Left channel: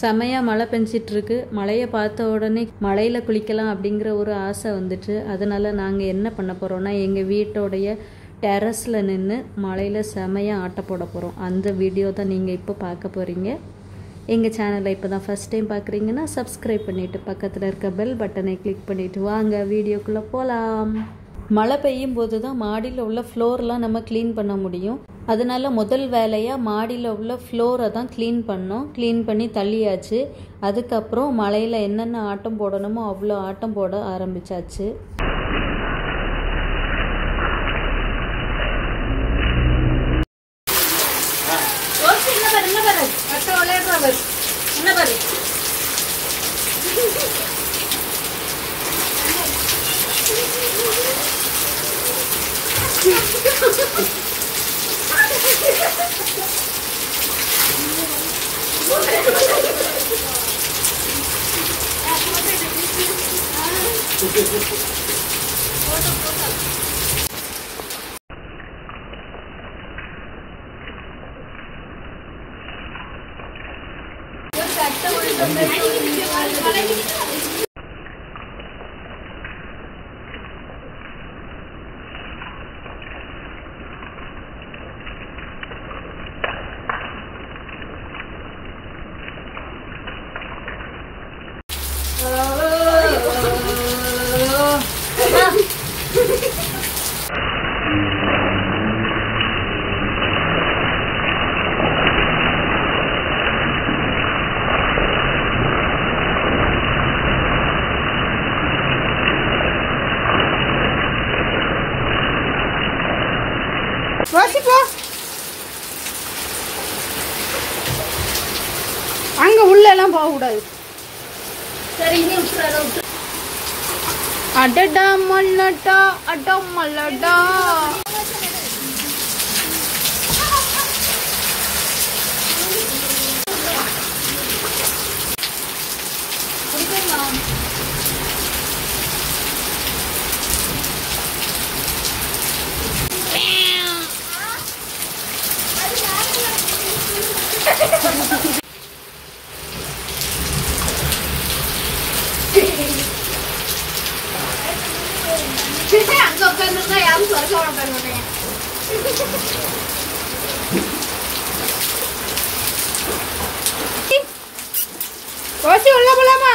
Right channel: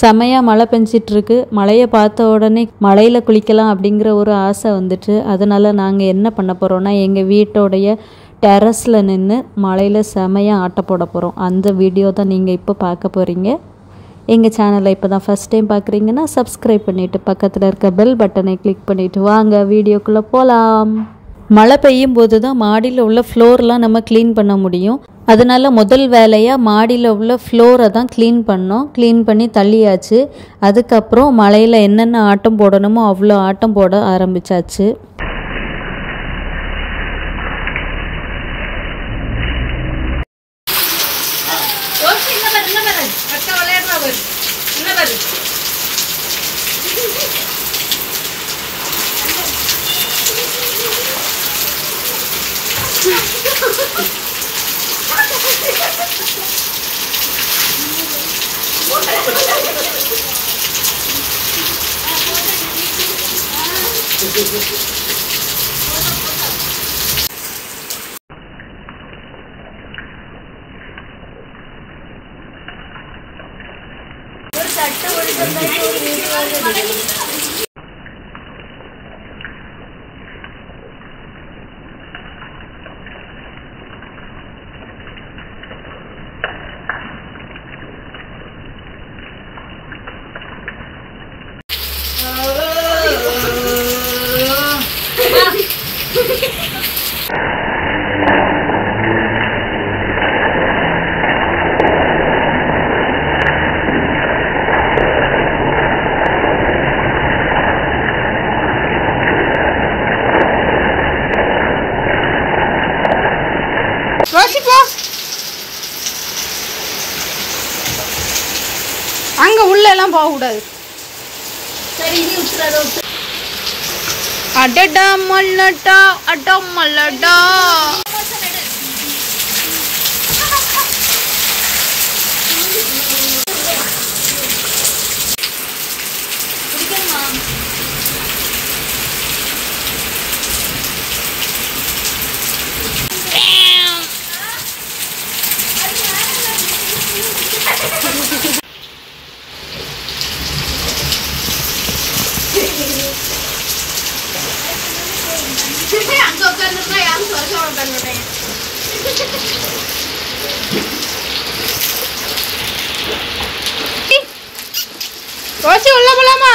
செமையாக மழை பெஞ்சிட்ருக்கு. மழையை பார்த்த உடனே மழையில் குளிக்கலாம் அப்படிங்கிற ஒரு ஆசை வந்துட்டு, அதனால் நாங்கள் என்ன பண்ண போகிறோன்னா எங்கள் வீட்டோடைய டெரஸில் நின்று மழையில் செமையாக ஆட்ட போட போகிறோம். அந்த வீடியோ தான் நீங்கள் இப்போ பார்க்க போகிறீங்க. எங்கள் சேனலை இப்போ தான் ஃபஸ்ட் டைம் பார்க்குறீங்கன்னா சப்ஸ்கிரைப் பண்ணிவிட்டு பக்கத்தில் இருக்க பெல் பட்டனை கிளிக் பண்ணிவிட்டு வாங்க வீடியோக்குள்ளே போகலாம். மழை பெய்யும் போது தான் மாடியில் உள்ள ஃப்ளோர்லாம் நம்ம க்ளீன் பண்ண முடியும். அதனால் முதல் வேலையாக மாடியில் உள்ள ஃப்ளோரை தான் க்ளீன் பண்ணோம். க்ளீன் பண்ணி தள்ளியாச்சு. அதுக்கப்புறம் மழையில் என்னென்ன ஆட்டம் போடணுமோ அவ்வளோ ஆட்டம் போட ஆரம்பித்தாச்சு. அங்க உள்ள எல்லாம் போக கூடாது. அடடா மல்லடா அடா மல்லடா. ரோசி உள்ள போலாமா?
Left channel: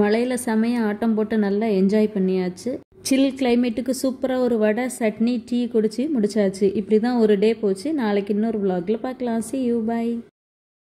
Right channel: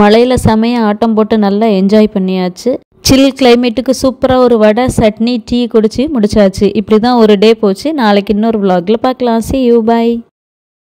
மழையில் செமையாக ஆட்டம் போட்டு நல்லா என்ஜாய் பண்ணியாச்சு. சில் கிளைமேட்டுக்கு சூப்பராக ஒரு வடை, சட்னி, டீ குடிச்சு முடிச்சாச்சு. இப்படி தான் ஒரு டே போச்சு. நாளைக்கு இன்னொரு vlogல பார்க்கலாம். See you, bye.